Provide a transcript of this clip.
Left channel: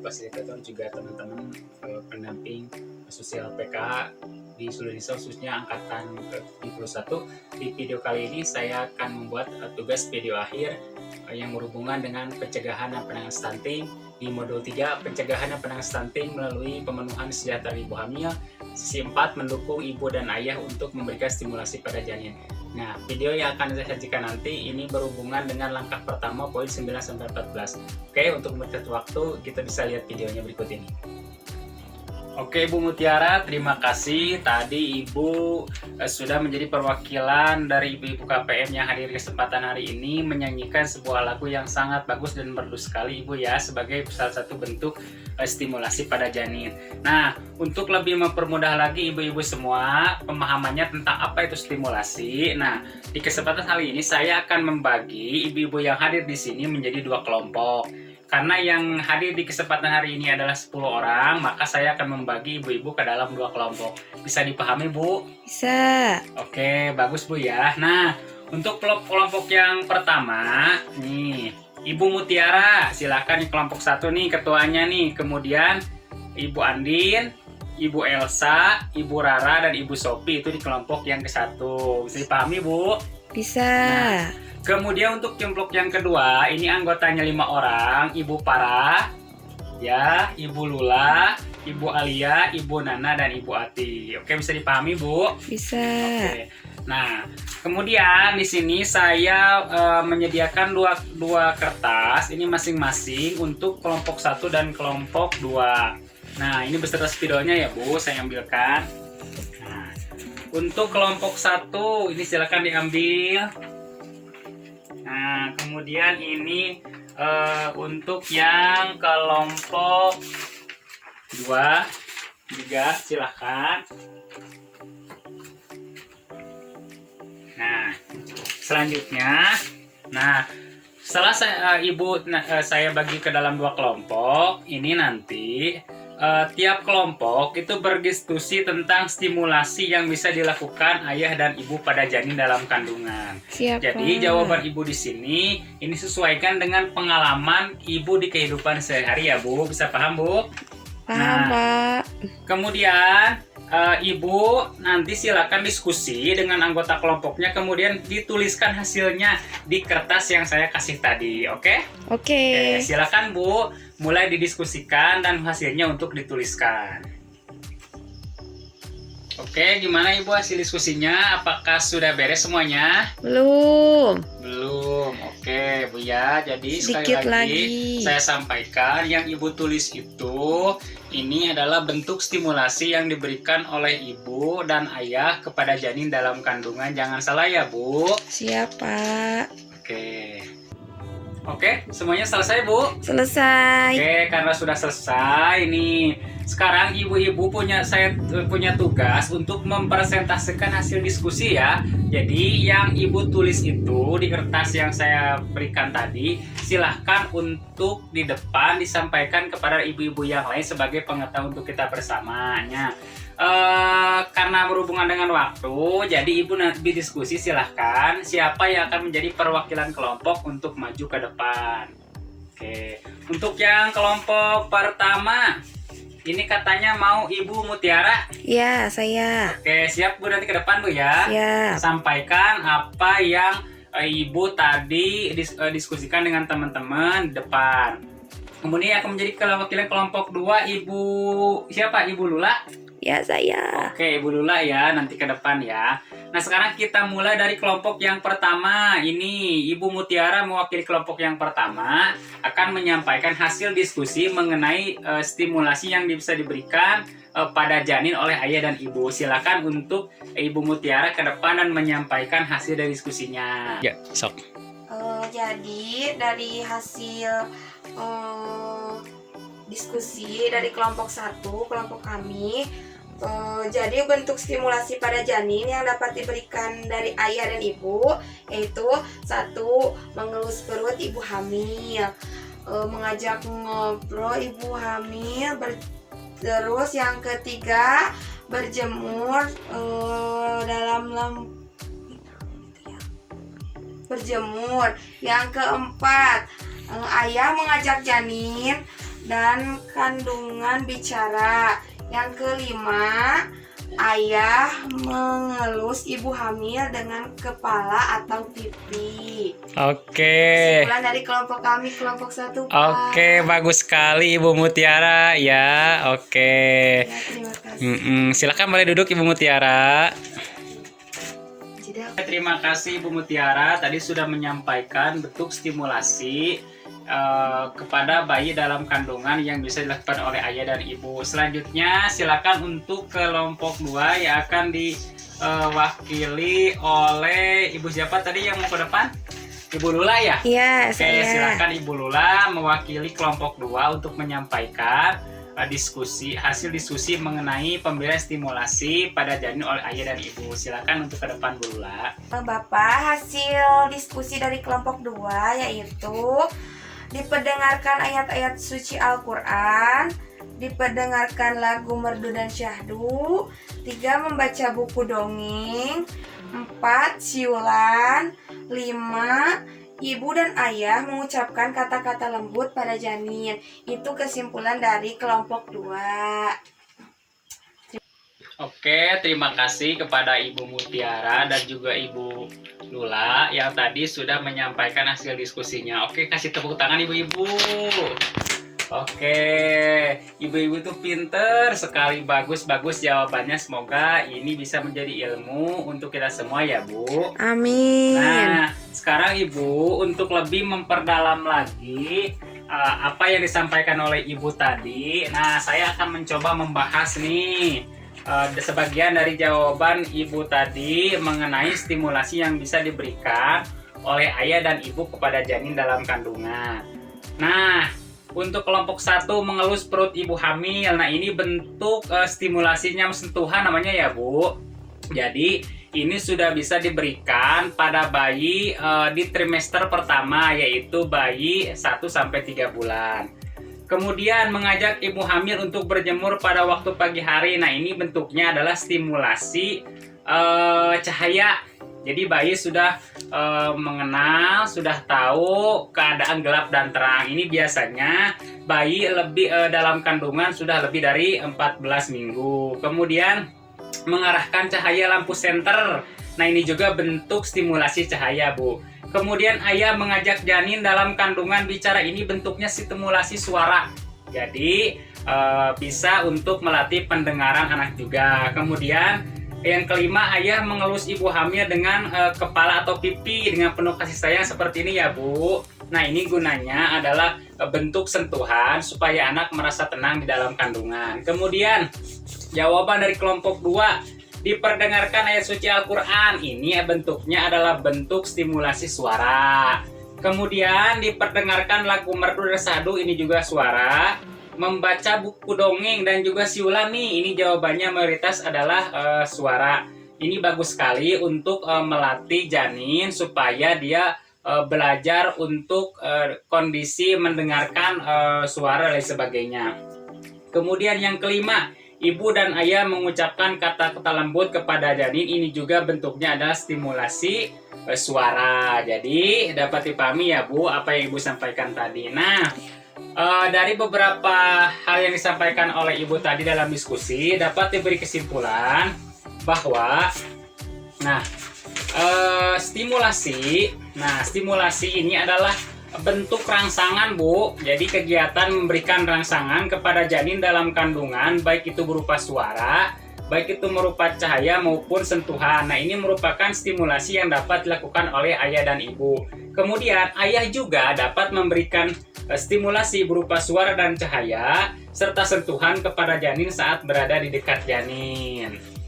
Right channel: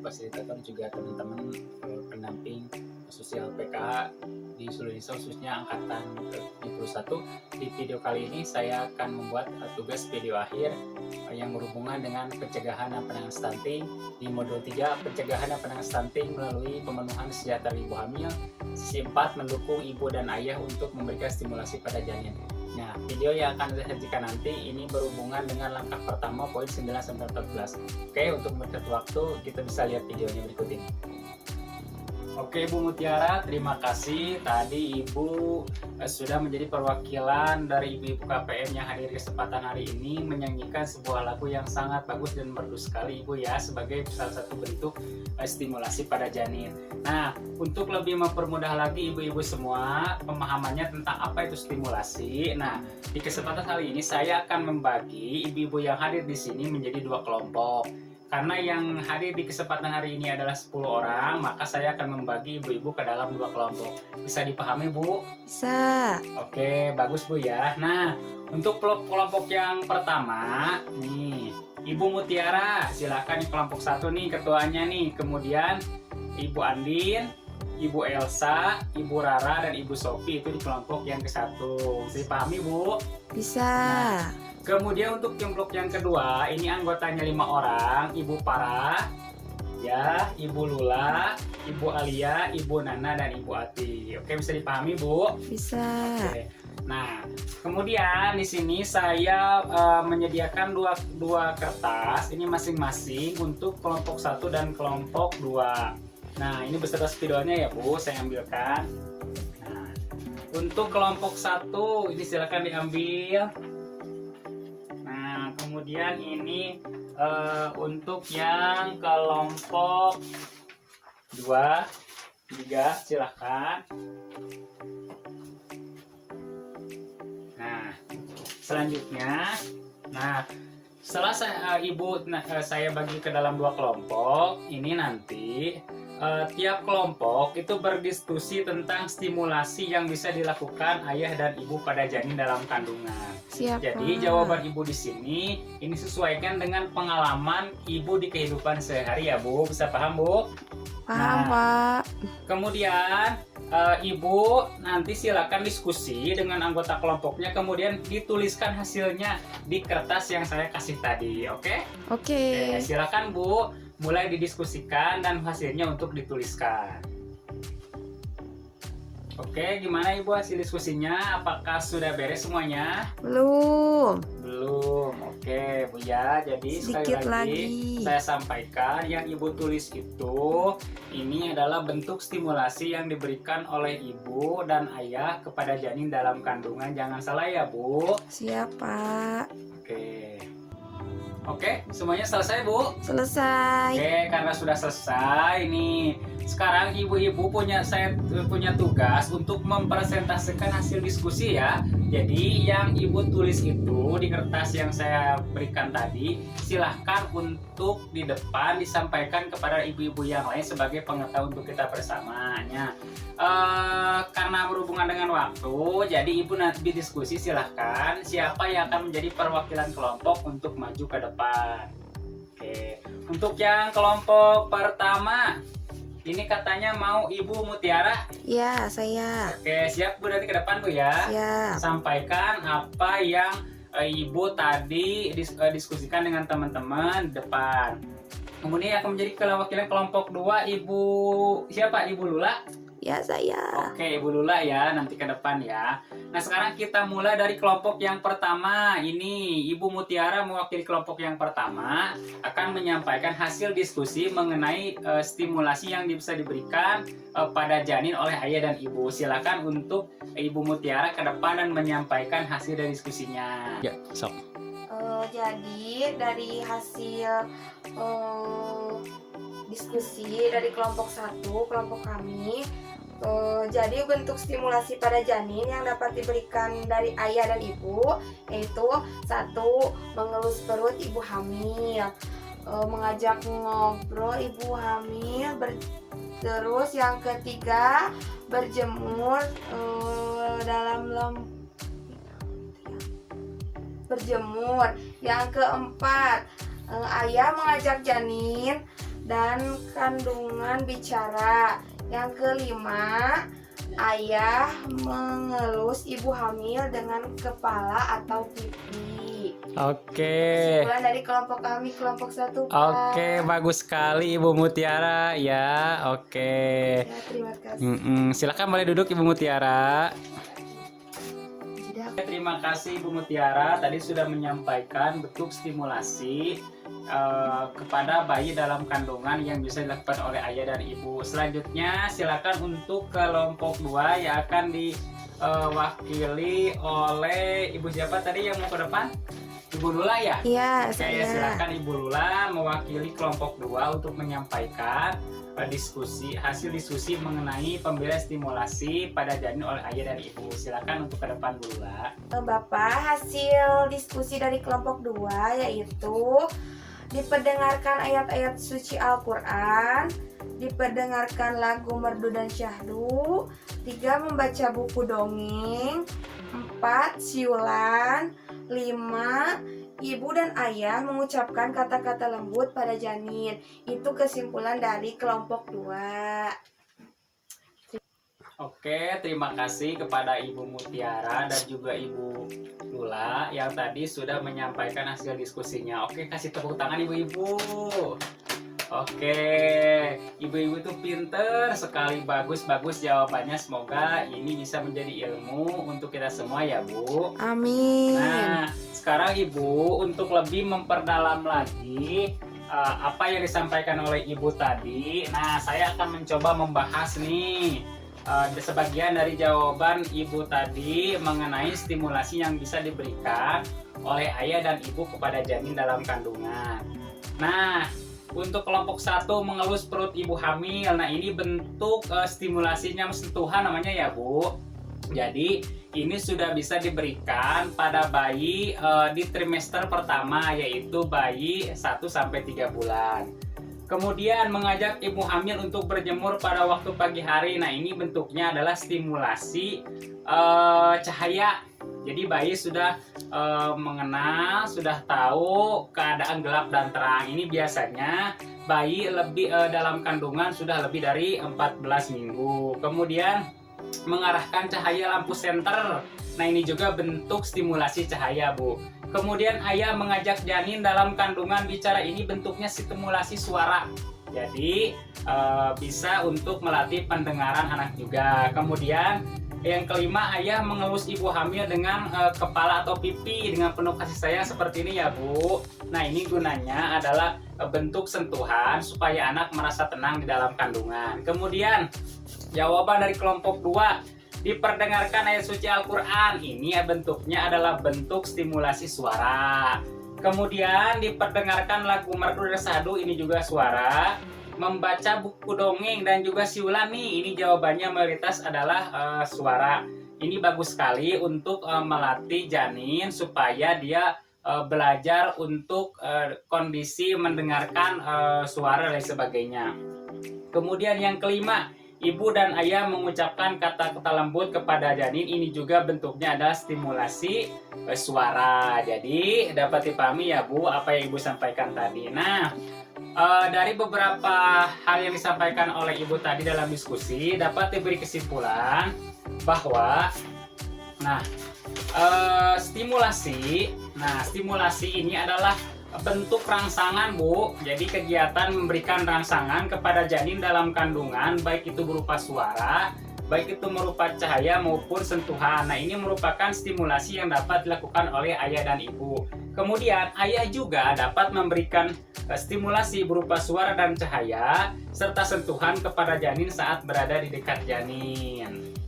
fasilitator juga teman-teman pendamping sosial PKH di seluruh Indonesia, khususnya angkatan ke-71. Di video kali ini saya akan membuat tugas video akhir yang berhubungan dengan pencegahan dan penanganan stunting di modul 3, pencegahan dan penanganan stunting melalui pemenuhan sejahtera ibu hamil. Sisi 4, mendukung ibu dan ayah untuk memberikan stimulasi pada janin. Nah, video yang akan saya sajikan nanti ini berhubungan dengan langkah pertama poin 9-14. Oke, untuk mempercepat waktu kita bisa lihat videonya berikut ini. Oke Bu Mutiara, terima kasih. Tadi Ibu sudah menjadi perwakilan dari ibu-ibu KPM yang hadir di kesempatan hari ini menyanyikan sebuah lagu yang sangat bagus dan merdu sekali Ibu ya, sebagai salah satu bentuk stimulasi pada janin. Nah, untuk lebih mempermudah lagi ibu-ibu semua pemahamannya tentang apa itu stimulasi. Nah, di kesempatan kali ini saya akan membagi ibu-ibu yang hadir di sini menjadi dua kelompok. Karena yang hadir di kesempatan hari ini adalah 10 orang, maka saya akan membagi ibu-ibu ke dalam dua kelompok. Bisa dipahami, Bu? Bisa. Oke, bagus Bu ya. Nah, untuk kelompok yang pertama, nih, Ibu Mutiara, silakan di kelompok 1 nih ketuanya nih. Kemudian Ibu Andin, Ibu Elsa, Ibu Rara, dan Ibu Sophie itu di kelompok yang ke-1. Bisa dipahami, Bu? Bisa. Nah, kemudian untuk kelompok yang kedua, ini anggotanya 5 orang, Ibu Para, ya, Ibu Lula, Ibu Alia, Ibu Nana, dan Ibu Ati. Oke, bisa dipahami, Bu? Bisa. Oke. Nah, kemudian di sini saya menyediakan dua kertas, ini masing-masing untuk kelompok 1 dan kelompok 2. Nah, ini beserta spidolnya ya, Bu, saya ambilkan. Nah, untuk kelompok 1, ini silakan diambil. Nah, kemudian ini untuk yang kelompok 2, 3, silahkan. Nah, selanjutnya, setelah saya bagi ke dalam dua kelompok, ini nanti tiap kelompok itu berdiskusi tentang stimulasi yang bisa dilakukan ayah dan ibu pada janin dalam kandungan. Siap, Jadi Pak. jawaban ibu di sini ini sesuaikan dengan pengalaman ibu di kehidupan sehari ya Bu. Bisa paham Bu? Paham, Pak. Kemudian ibu nanti silakan diskusi dengan anggota kelompoknya, kemudian dituliskan hasilnya di kertas yang saya kasih tadi. Oke? Oke. Silakan Bu, mulai didiskusikan dan hasilnya untuk dituliskan. Oke, gimana Ibu hasil diskusinya? Apakah sudah beres semuanya? Belum. Belum. Oke, Bu ya. Jadi sekali Sedikit lagi lagi. saya sampaikan yang Ibu tulis itu ini adalah bentuk stimulasi yang diberikan oleh ibu dan ayah kepada janin dalam kandungan. Jangan salah ya, Bu. Siap, Pak. Oke, semuanya selesai, Bu? Selesai. Oke, karena sudah selesai nih. Sekarang ibu-ibu saya punya tugas untuk mempresentasikan hasil diskusi ya. Jadi yang ibu tulis itu di kertas yang saya berikan tadi, silahkan untuk di depan disampaikan kepada ibu-ibu yang lain sebagai pengetahuan untuk kita bersamanya. Karena berhubungan dengan waktu, jadi ibu nanti diskusi, silahkan siapa yang akan menjadi perwakilan kelompok untuk maju ke depan. Oke, untuk yang kelompok pertama, ini katanya mau Ibu Mutiara. Ya, saya. Oke, siap Bu, nanti ke depan Bu ya. Siap. Sampaikan apa yang Ibu tadi diskusikan dengan teman-teman di depan. Kemudian akan menjadi perwakilan kelompok 2 Ibu siapa? Ibu Lula. Ya, saya. Oke, Ibu Lula ya, nanti ke depan ya. Nah, sekarang kita mulai dari kelompok yang pertama. Ini Ibu Mutiara mewakili kelompok yang pertama akan menyampaikan hasil diskusi mengenai stimulasi yang bisa diberikan pada janin oleh ayah dan ibu. Silakan untuk Ibu Mutiara ke depan dan menyampaikan hasil dari diskusinya. Ya, sok. Jadi dari hasil diskusi dari kelompok 1, kelompok kami, jadi bentuk stimulasi pada janin yang dapat diberikan dari ayah dan ibu yaitu 1. Mengelus perut ibu hamil, mengajak ngobrol ibu hamil, terus yang ketiga berjemur berjemur. Yang keempat, ayah mengajak janin dan kandungan bicara. Yang kelima, ayah mengelus ibu hamil dengan kepala atau pipi. Oke. Kesimpulan dari kelompok kami, kelompok 1, Pak. Oke, bagus sekali Ibu Mutiara ya. Oke. Ya, terima kasih. Silakan boleh duduk Ibu Mutiara. Jadi, Terima kasih Ibu Mutiara tadi sudah menyampaikan bentuk stimulasi kepada bayi dalam kandungan yang bisa dilakukan oleh ayah dan ibu. Selanjutnya silakan untuk kelompok 2 yang akan diwakili oleh Ibu siapa tadi yang mau ke depan? Ibu Lula ya? Iya, Oke, saya. silakan Ibu Lula mewakili kelompok 2 untuk menyampaikan hasil diskusi mengenai pemberian stimulasi pada janin oleh ayah dan ibu. Silakan untuk ke depan Bu Lula. Bapak, hasil diskusi dari kelompok 2 yaitu diperdengarkan ayat-ayat suci Al-Quran, diperdengarkan lagu merdu dan syahdu, 3 membaca buku dongeng, 4 siulan, 5 ibu dan ayah mengucapkan kata-kata lembut pada janin. Itu kesimpulan dari kelompok 2. Oke, terima kasih kepada Ibu Mutiara dan juga Ibu Lula yang tadi sudah menyampaikan hasil diskusinya. Oke, kasih tepuk tangan Ibu-ibu. Oke, Ibu-ibu tuh pinter sekali, bagus-bagus jawabannya. Semoga ini bisa menjadi ilmu untuk kita semua ya Bu. Amin. Nah, sekarang Ibu untuk lebih memperdalam lagi apa yang disampaikan oleh Ibu tadi. Nah, saya akan mencoba membahas nih sebagian dari jawaban Ibu tadi mengenai stimulasi yang bisa diberikan oleh ayah dan ibu kepada janin dalam kandungan. Nah, untuk kelompok 1 mengelus perut ibu hamil. Nah, ini bentuk stimulasinya sentuhan namanya ya Bu. Jadi ini sudah bisa diberikan pada bayi di trimester pertama, yaitu bayi 1-3 bulan. Kemudian mengajak ibu hamil untuk berjemur pada waktu pagi hari. Nah, ini bentuknya adalah stimulasi cahaya. Jadi bayi sudah mengenal, sudah tahu keadaan gelap dan terang. Ini biasanya bayi lebih dalam kandungan sudah lebih dari 14 minggu. Kemudian mengarahkan cahaya lampu senter. Nah, ini juga bentuk stimulasi cahaya, Bu. Kemudian ayah mengajak janin dalam kandungan bicara. Ini bentuknya stimulasi suara. Jadi bisa untuk melatih pendengaran anak juga. Kemudian yang kelima, ayah mengelus ibu hamil dengan kepala atau pipi dengan penuh kasih sayang seperti ini ya Bu. Nah, ini gunanya adalah bentuk sentuhan supaya anak merasa tenang di dalam kandungan. Kemudian jawaban dari kelompok 2, diperdengarkan ayat suci Al-Quran. Ini bentuknya adalah bentuk stimulasi suara. Kemudian diperdengarkan lagu merdu dan syahdu, ini juga suara. Membaca buku dongeng dan juga siulan nih, ini jawabannya mayoritas adalah suara. Ini bagus sekali untuk melatih janin supaya dia belajar untuk kondisi mendengarkan suara dan sebagainya. Kemudian yang kelima, ibu dan ayah mengucapkan kata-kata lembut kepada janin. Ini juga bentuknya adalah stimulasi suara. Jadi dapat dipahami ya Bu apa yang Ibu sampaikan tadi. Nah, dari beberapa hal yang disampaikan oleh Ibu tadi dalam diskusi dapat diberi kesimpulan bahwa stimulasi ini adalah bentuk rangsangan Bu. Jadi kegiatan memberikan rangsangan kepada janin dalam kandungan, baik itu berupa suara, baik itu berupa cahaya maupun sentuhan. Nah, ini merupakan stimulasi yang dapat dilakukan oleh ayah dan ibu. Kemudian ayah juga dapat memberikan stimulasi berupa suara dan cahaya serta sentuhan kepada janin saat berada di dekat janin.